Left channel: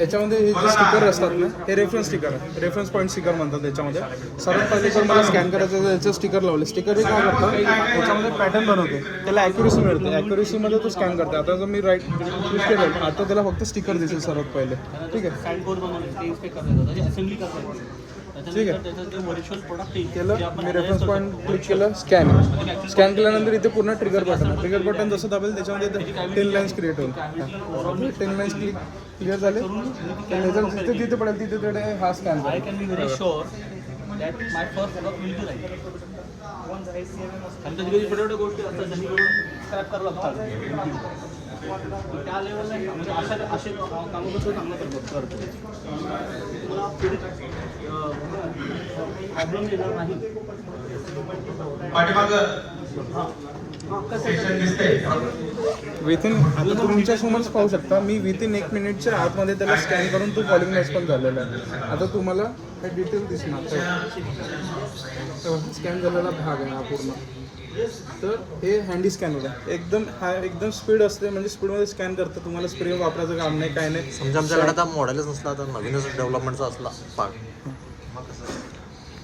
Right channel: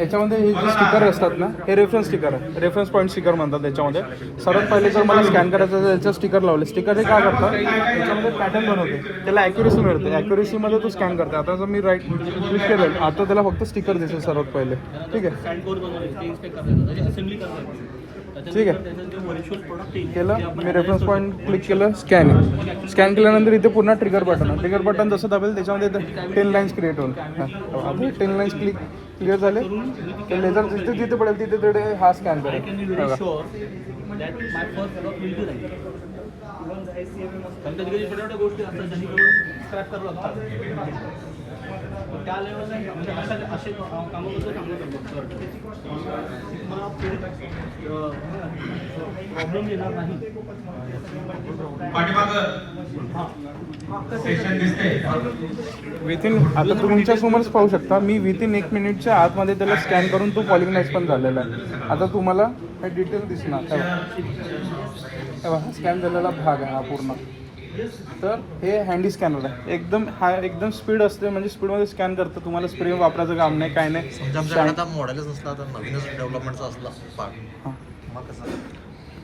याच्यामध्ये हे जे स्टिकर असतात ना, हे रेफरन्स स्टिकर आहे, रेफरन्स पॉईंट स्टिकर म्हणतात. त्याच्यामध्ये सर्वात पहिले जर मला स्कॅन करायचं तर याचं स्टिकर लावले. स्टिकर हे काय करतात, याच्यामध्ये पॅटर्न बनवते, त्याला ॲक्युरेसी मिळते. ॲक्युरेसीमध्ये तो स्कॅन करते. आता जर मी राईट क्लिक केलं, आता त्याला फक्त स्टिकर दिसेल सर्वात पहिले. ठीक आहे, ठीक आहे. केलं मी रेफरन्स पॉईंट क्लिक केलं, स्कॅन केल्यानंतर इथे पुन्हा ट्रिगर बटन आहे. ट्रिगर बटन जसं दाबेल त्याच्यामध्ये 10 लाईन्स क्रिएट होईल. 10 लाईन्स क्लिअर झाले, लेझर जिथे तिथे पडेल तिथे तिथे हा स्कॅन करेल. विथिन आता तुमच्या समोरच पाहू शकता, मी विथिन 1 मिनिटच्या आतमध्ये त्याला स्कॅन करून तो पॉलिंगनाइज पण झालेला आहे. आता तुम्हाला हे डिटेल दिसणार, स्कॅन झालेला भाग आहे हा पूर्ण. तर हे हँडी स्कॅनर आहे, एकदम स्पीड असते, म्हणजे स्पीडमध्ये स्कॅन करतं. तुम्हाला स्क्रीन वापरायचं काम नाही, काय नाही. समजा आमच्याकडे आता मॉडेलच असला तर नवीनच डेव्हलपमेंटचा असला मग कसं